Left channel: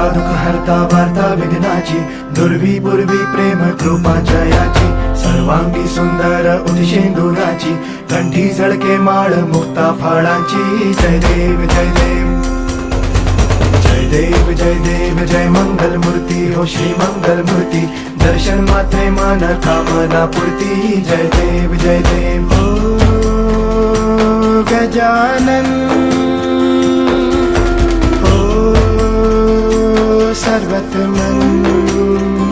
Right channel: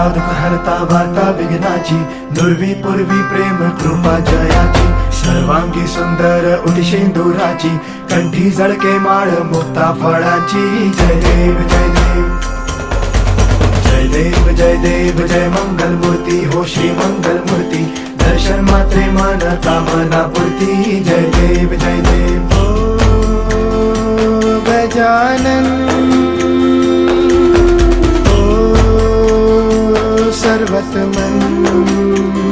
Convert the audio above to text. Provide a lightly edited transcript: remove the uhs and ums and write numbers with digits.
हरता दुःख हरता वार्ता विघ्नाची, दुर्वी पूर्वी प्रेम कृपा जयाची, सर्वांगी सुंदर उदिशेंदुराची, कंठी झळके माळ मुक्ता फळाची. जय देव जय देव जय देव जय देव जय मंगल मूर्ती हो श्री मंगल मूर्ती, दर्शन मात्रे मन कामना पूर्ती. जय देव जय देव हो गजानन हो सर्वतमन.